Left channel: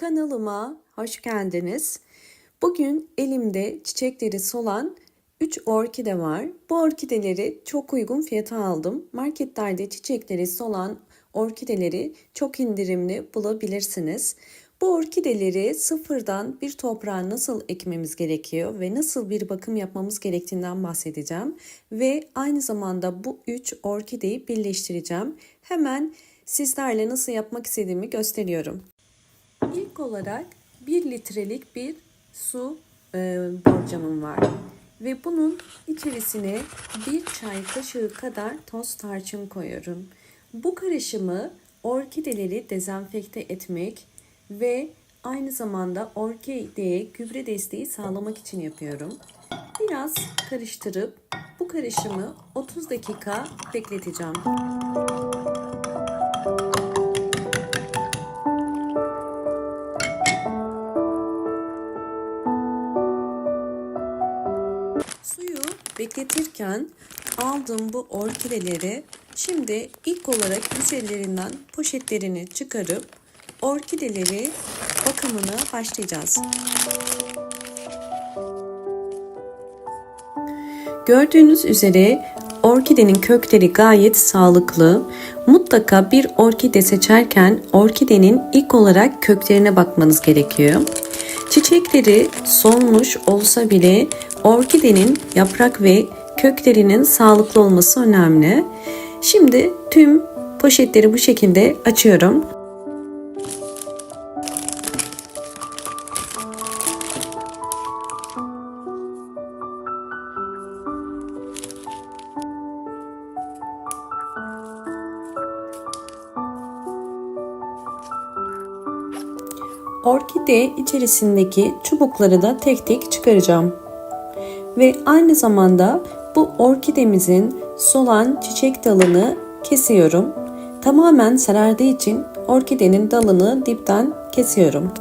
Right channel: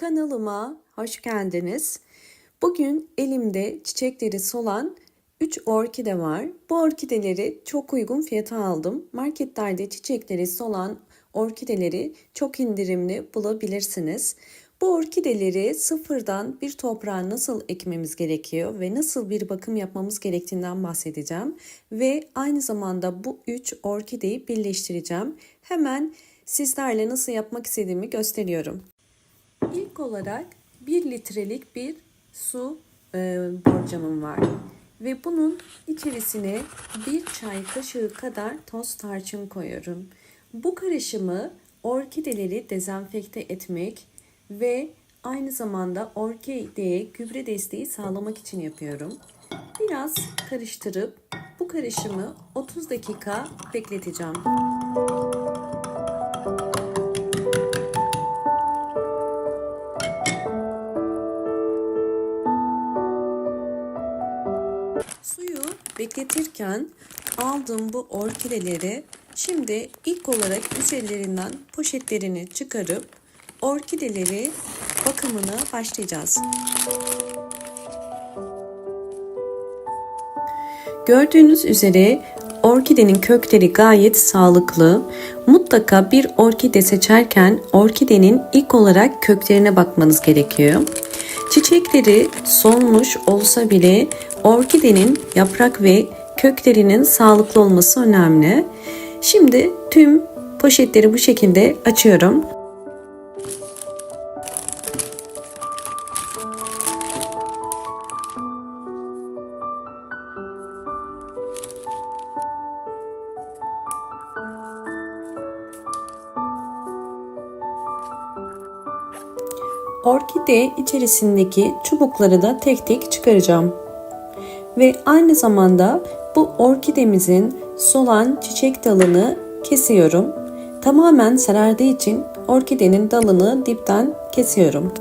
Kanalıma hoş geldiniz. Bugün elimde çiçekleri solan 3 orkide var. Bu orkideleri çok uygun fiyata aldım. Marketlerde çiçekleri solan orkideleri çok indirimli bulabilirsiniz. Bu orkideleri sıfırdan bir toprağa nasıl ekmemiz gerekiyor ve nasıl bir bakım yapmamız gerektiğinden bahsedeceğim. Ve aynı zamanda bu 3 orkideyi birleştireceğim. Hemen sizlerle nasıl yapmak istediğimi gösteriyorum. İlk olarak 1 litrelik bir su borcamım var. Ve bunun içerisine 1 çay kaşığı kadar toz tarçın koyuyorum. Bu karışımı orkideleri dezenfekte etmek ve aynı zamanda orkideye gübre desteği sağlamak için yapıyorum. Biraz karıştırıp bu karışımı 30 dakika bekleteceğim. Suyu bekletirken aldığım bu orkideleri şimdi ilk olarak üzerlerinden poşetlerini çıkarıp orkideleri bakımına başlayacağız. Gördüğünüz üzere orkidenin kökleri gayet sağlıklı. Mutlaka bir orkide seçerken orkidenin ilk olarak köklerine bakmanız gerekiyor. Çiçekleri solmuş olsa bile orkidenin yaprak ve köklerinin sağlıklı olması önemli. Şimdi tüm poşetleri bu şekilde açıyorum. Orkide içerisindeki çubukları da tek tek çıkaracağım. Ve aynı zamanda bu orkidemizin solan çiçek dalını kesiyorum. Tamamen sarardığı için orkidenin dalını dipten kesiyorum.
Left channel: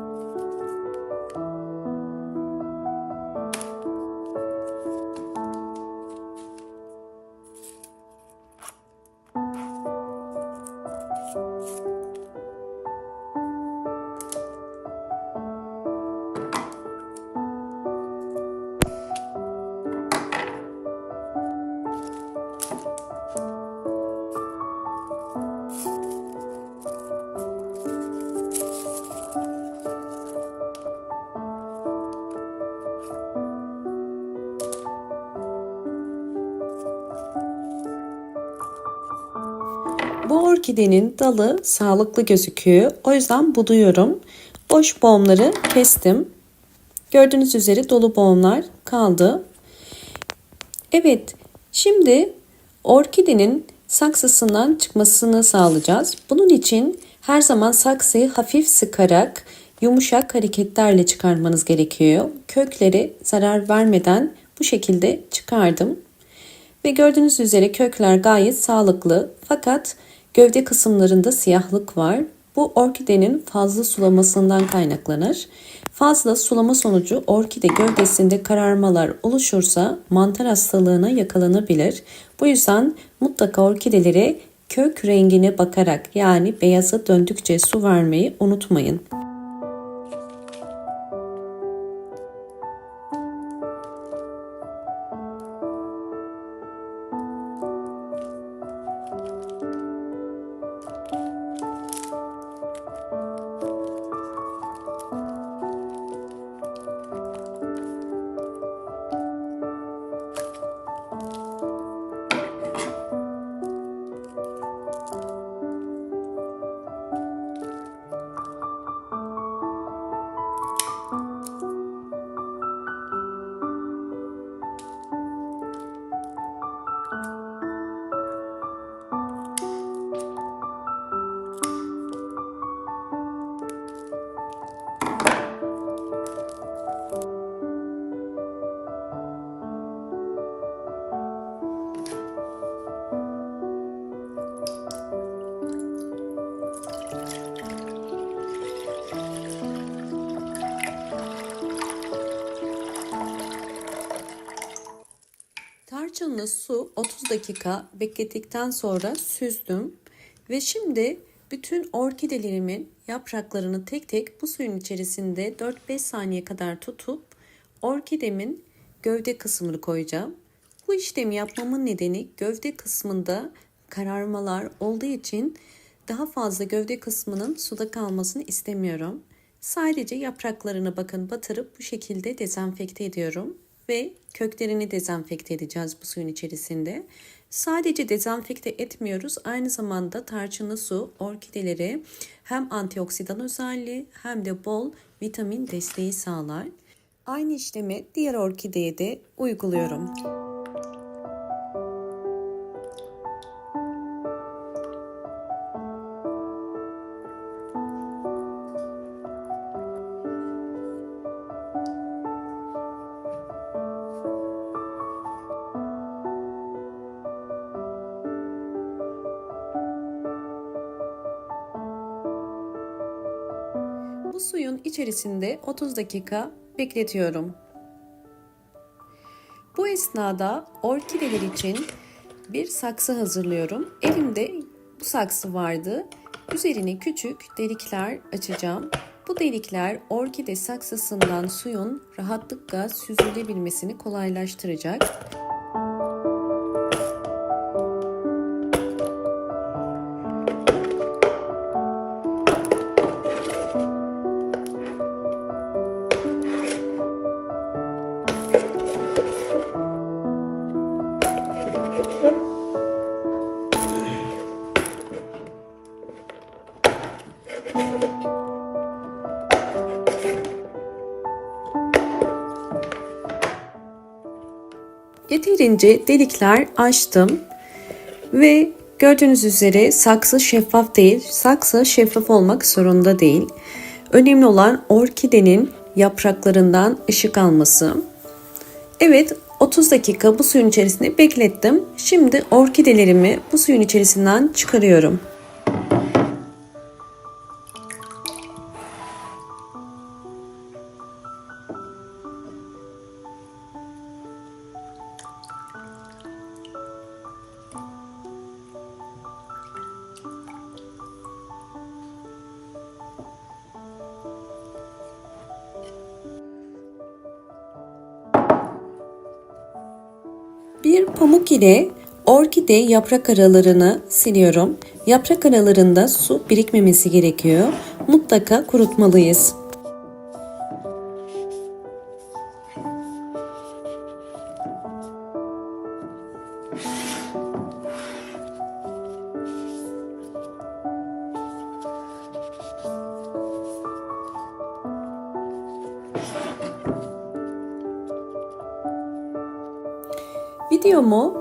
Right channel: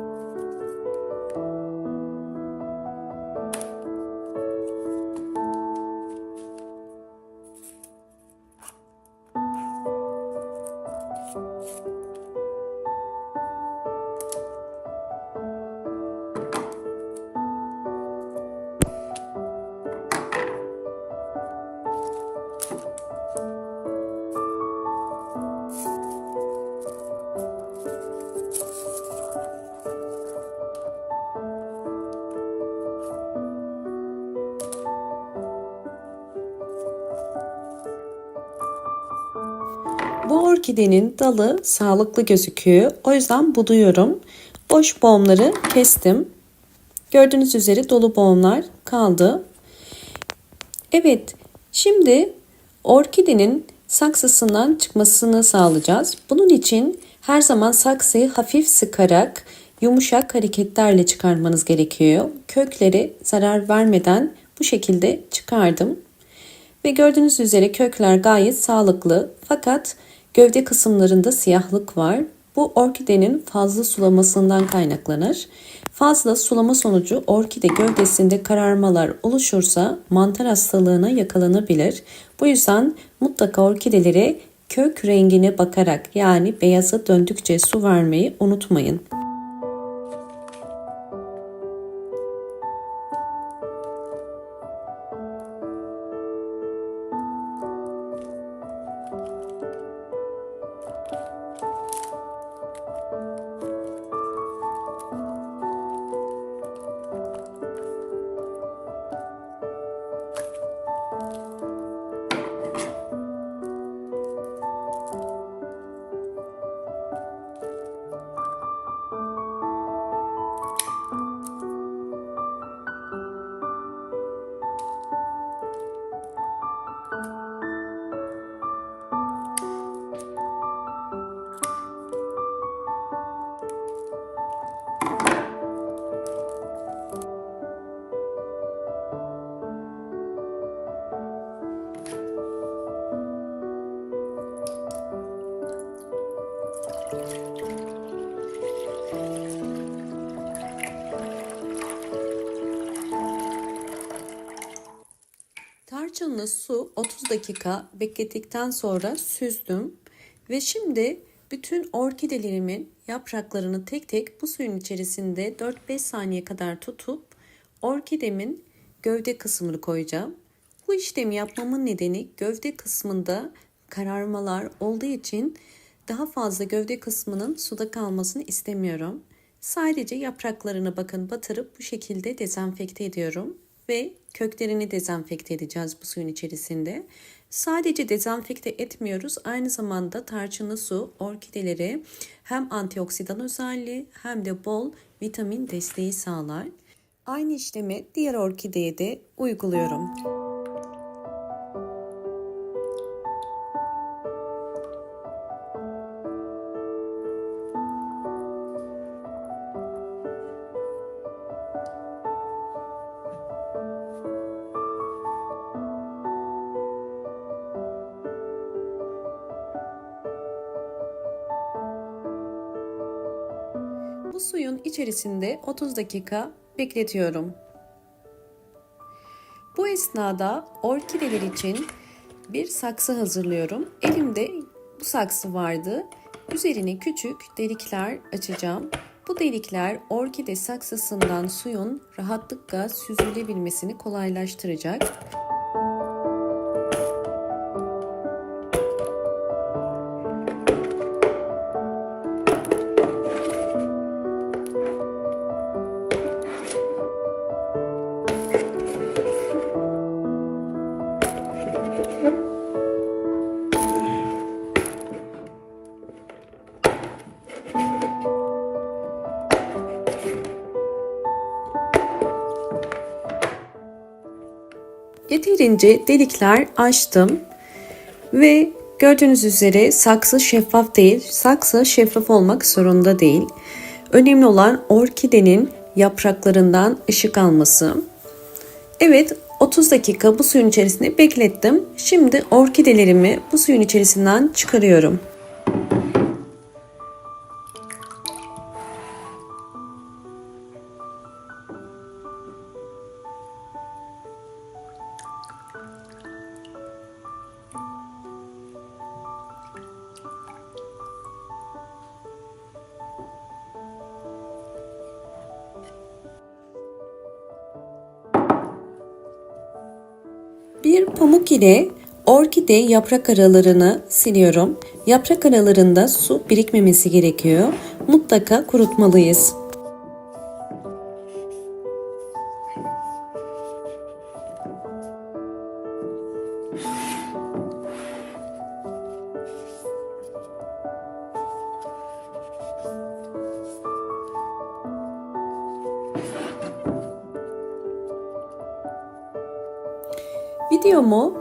Bu orkidenin dalı sağlıklı gözüküyor. O yüzden buduyorum. Boş boğumları kestim. Gördüğünüz üzere dolu boğumlar kaldı. Evet, şimdi orkidenin saksısından çıkmasını sağlayacağız. Bunun için her zaman saksıyı hafif sıkarak yumuşak hareketlerle çıkarmanız gerekiyor. Kökleri zarar vermeden bu şekilde çıkardım. Ve gördüğünüz üzere kökler gayet sağlıklı fakat gövde kısımlarında siyahlık var. Bu orkidenin fazla sulamasından kaynaklanır. Fazla sulama sonucu orkide gövdesinde kararmalar oluşursa mantar hastalığına yakalanabilir. Bu yüzden mutlaka orkidelere kök rengine bakarak yani beyaza döndükçe su vermeyi unutmayın. Tarçınlı su 30 dakika beklettikten sonra süzdüm ve şimdi Bütün orkidelerimin yapraklarını tek tek bu suyun içerisinde 4-5 saniye kadar tutup orkidemin gövde kısmını koyacağım. Bu işlemi yapmamın nedeni gövde kısmında kararmalar olduğu için daha fazla gövde kısmının suda kalmasını istemiyorum. Sadece yapraklarını bakın batırıp bu şekilde dezenfekte ediyorum ve köklerini dezenfekte edeceğiz bu suyun içerisinde. Sadece dezenfekte etmiyoruz. Aynı zamanda tarçınlı su orkidelere hem antioksidan özelliği hem de bol vitamin desteği sağlar. Aynı işlemi diğer orkideye de uyguluyorum. Bu suyun içerisinde 30 dakika bekletiyorum. Bu esnada orkideler için bir saksı hazırlıyorum. Elimde bu saksı vardı. Üzerine küçük delikler açacağım. Bu delikler orkide saksısından suyun rahatlıkla süzülebilmesini kolaylaştıracak. Yeterince delikler açtım ve gördüğünüz üzere saksı şeffaf değil. Saksı şeffaf olmak zorunda değil. Önemli olan orkidenin yapraklarından ışık alması. Evet, 30 dakika bu suyun içerisinde beklettim. Şimdi orkidelerimi bu suyun içerisinden çıkarıyorum. Bir pamuk ile orkide yaprak aralarını siliyorum. Yaprak aralarında su birikmemesi gerekiyor. Mutlaka kurutmalıyız. Videomu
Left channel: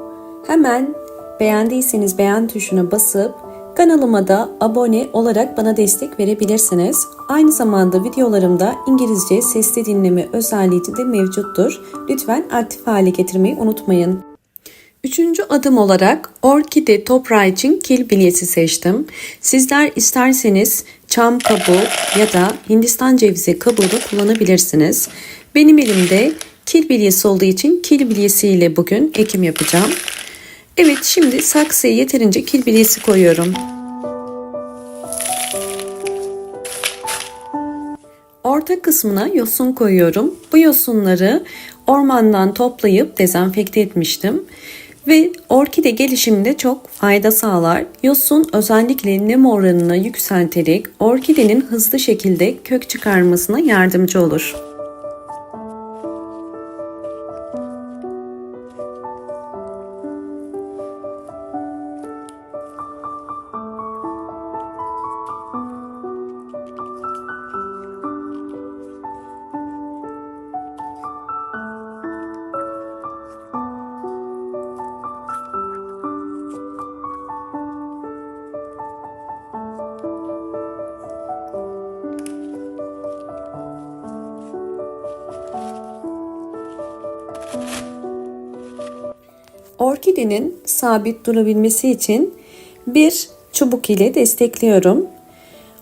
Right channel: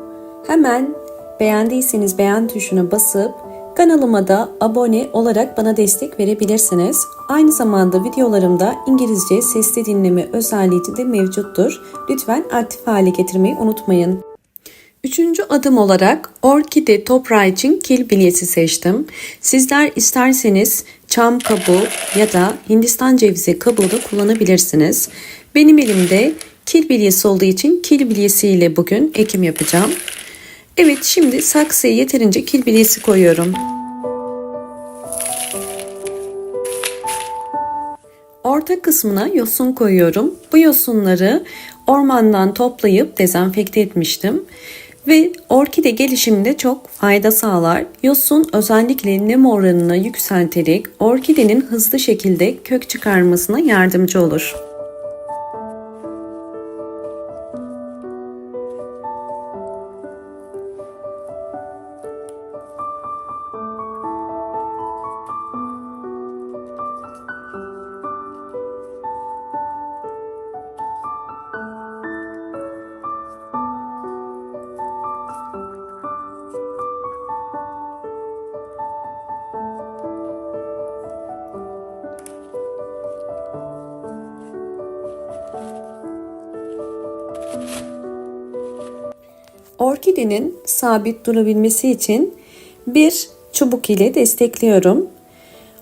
hemen beğendiyseniz beğen tuşuna basıp kanalıma da abone olarak bana destek verebilirsiniz. Aynı zamanda videolarımda İngilizce sesli dinleme özelliği de mevcuttur. Lütfen aktif hale getirmeyi unutmayın. Üçüncü adım olarak orkide toprağı için kil bilyesi seçtim. Sizler isterseniz çam kabuğu ya da Hindistan cevizi kabuğu da kullanabilirsiniz. Benim elimde kil bilyesi olduğu için kil bilyesiyle bugün ekim yapacağım. Evet, şimdi saksıya yeterince kil bilyesi koyuyorum. Orta kısmına yosun koyuyorum. Bu yosunları ormandan toplayıp dezenfekte etmiştim. Ve orkide gelişiminde çok fayda sağlar. Yosun özellikle nem oranını yükselterek orkidenin hızlı şekilde kök çıkarmasına yardımcı olur. Orkidenin sabit durabilmesi için bir çubuk ile destekliyorum.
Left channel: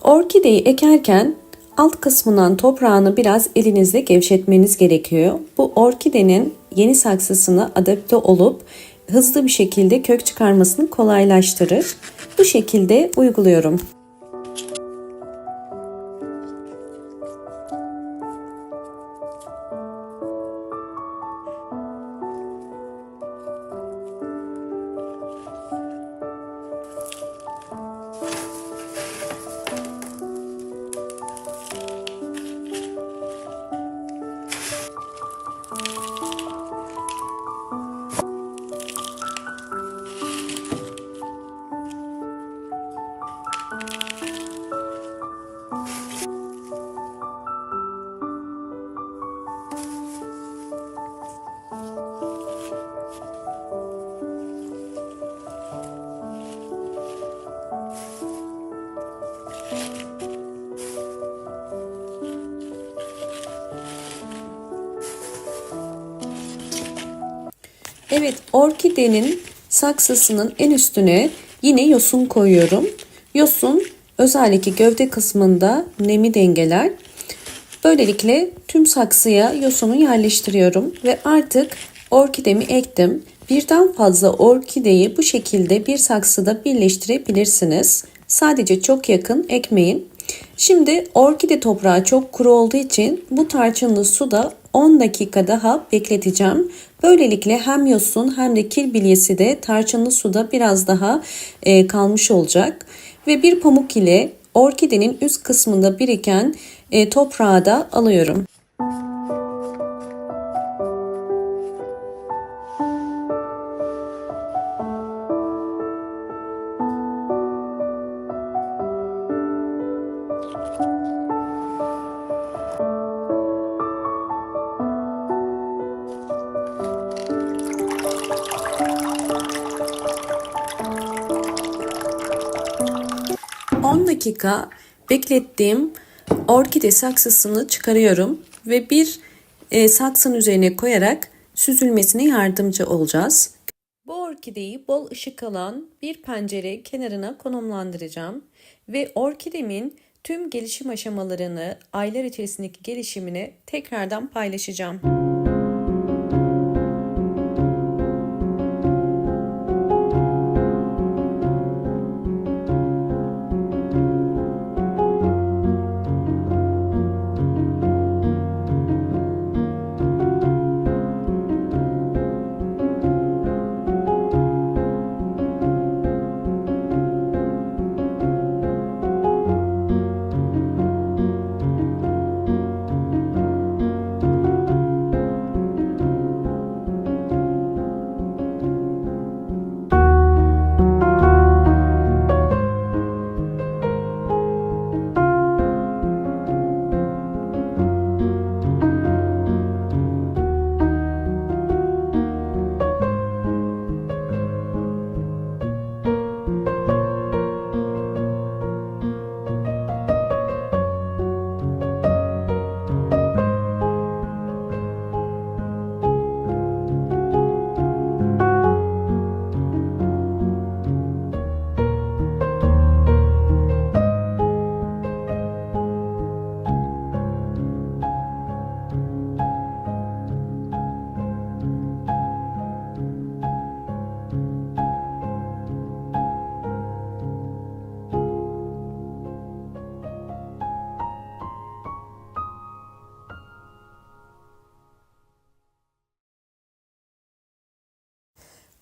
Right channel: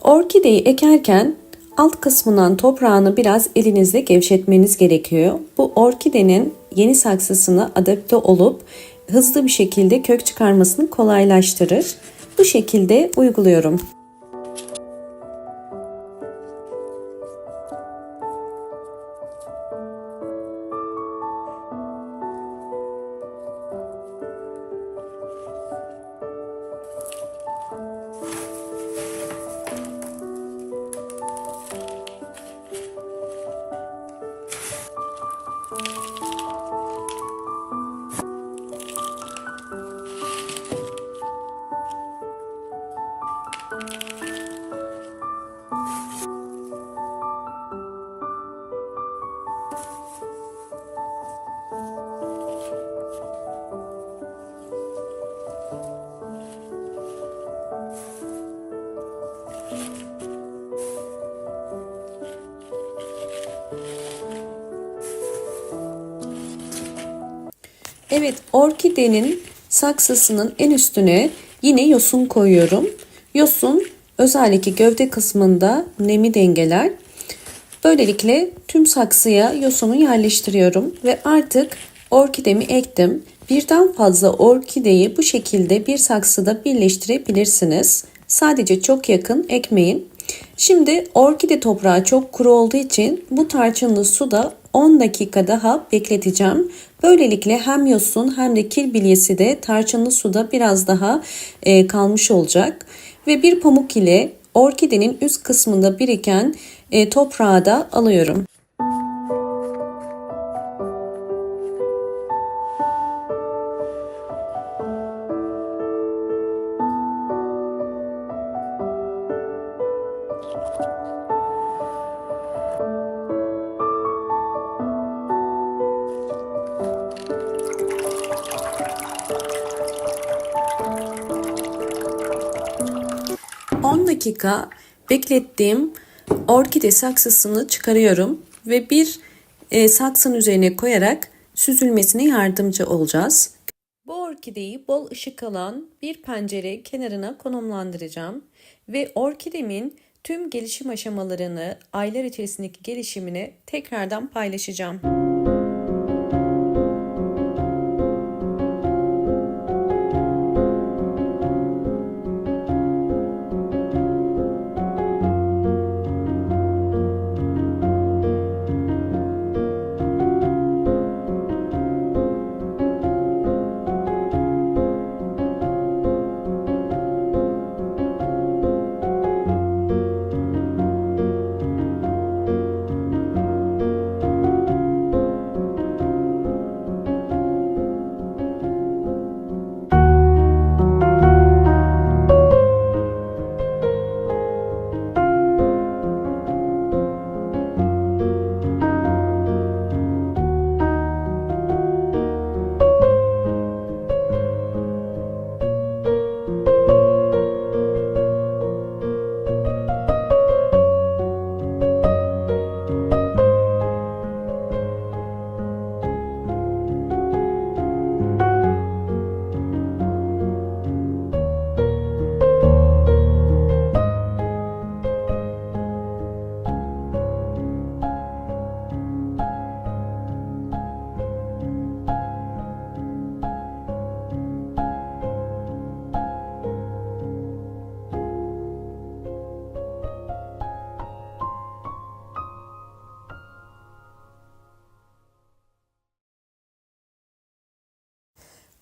Orkideyi ekerken alt kısmından toprağını biraz elinizle gevşetmeniz gerekiyor. Bu orkidenin yeni saksısına adapte olup hızlı bir şekilde kök çıkarmasını kolaylaştırır. Bu şekilde uyguluyorum. Evet, orkidenin saksısının en üstüne yine yosun koyuyorum. Yosun özellikle gövde kısmında nemi dengeler. Böylelikle tüm saksıya yosunu yerleştiriyorum ve artık orkidemi ektim. Birden fazla orkideyi bu şekilde bir saksıda birleştirebilirsiniz. Sadece çok yakın ekmeyin. Şimdi orkide toprağı çok kuru olduğu için bu tarçınlı suda 10 dakika daha bekleteceğim. Böylelikle hem yosun hem de kil bilyesi de tarçınlı suda biraz daha kalmış olacak. Ve bir pamuk ile orkidenin üst kısmında biriken toprağı da alıyorum. On dakika beklettiğim orkide saksısını çıkarıyorum ve bir saksının üzerine koyarak süzülmesine yardımcı olacağız. Bu orkideyi bol ışık alan bir pencere kenarına konumlandıracağım ve orkidemin tüm gelişim aşamalarını, aylar içerisindeki gelişimini tekrardan paylaşacağım.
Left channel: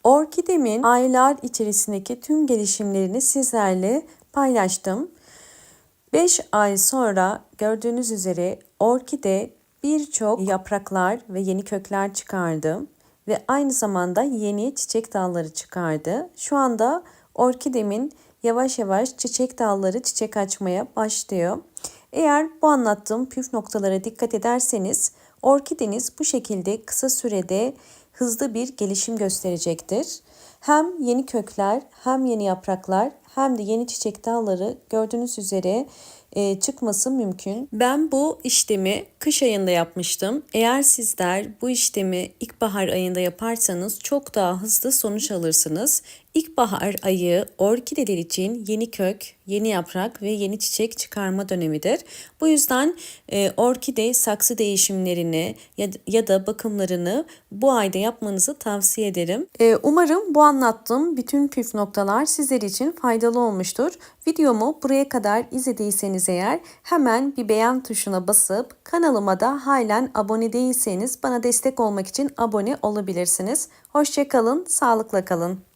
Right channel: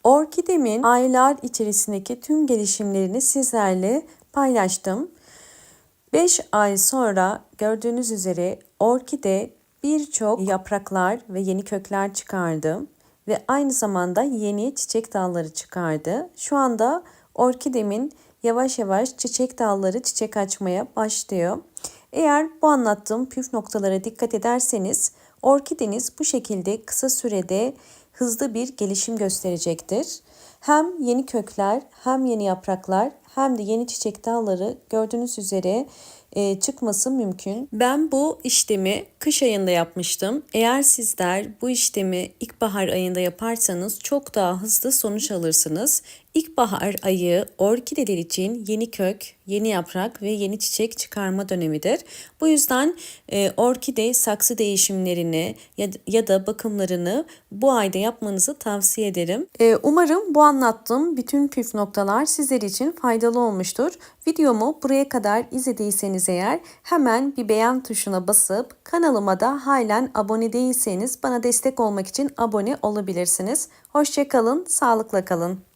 Orkidemin aylar içerisindeki tüm gelişimlerini sizlerle paylaştım. 5 ay sonra gördüğünüz üzere orkide birçok yapraklar ve yeni kökler çıkardı ve aynı zamanda yeni çiçek dalları çıkardı. Şu anda orkidemin yavaş yavaş çiçek dalları çiçek açmaya başlıyor. Eğer bu anlattığım püf noktalara dikkat ederseniz orkideniz bu şekilde kısa sürede hızlı bir gelişim gösterecektir. Hem yeni kökler, hem yeni yapraklar, hem de yeni çiçek dalları gördüğünüz üzere çıkması mümkün. Ben bu işlemi kış ayında yapmıştım. Eğer sizler bu işlemi ilkbahar ayında yaparsanız çok daha hızlı sonuç alırsınız. İlkbahar ayı orkideler için yeni kök, yeni yaprak ve yeni çiçek çıkarma dönemidir. Bu yüzden orkide saksı değişimlerini ya da bakımlarını bu ayda yapmanızı tavsiye ederim. Umarım bu anlattığım bütün püf noktalar sizler için faydalı olmuştur. Videomu buraya kadar izlediyseniz eğer hemen bir beğen tuşuna basıp kanalıma da halen abone değilseniz bana destek olmak için abone olabilirsiniz. Hoşça kalın, sağlıkla kalın.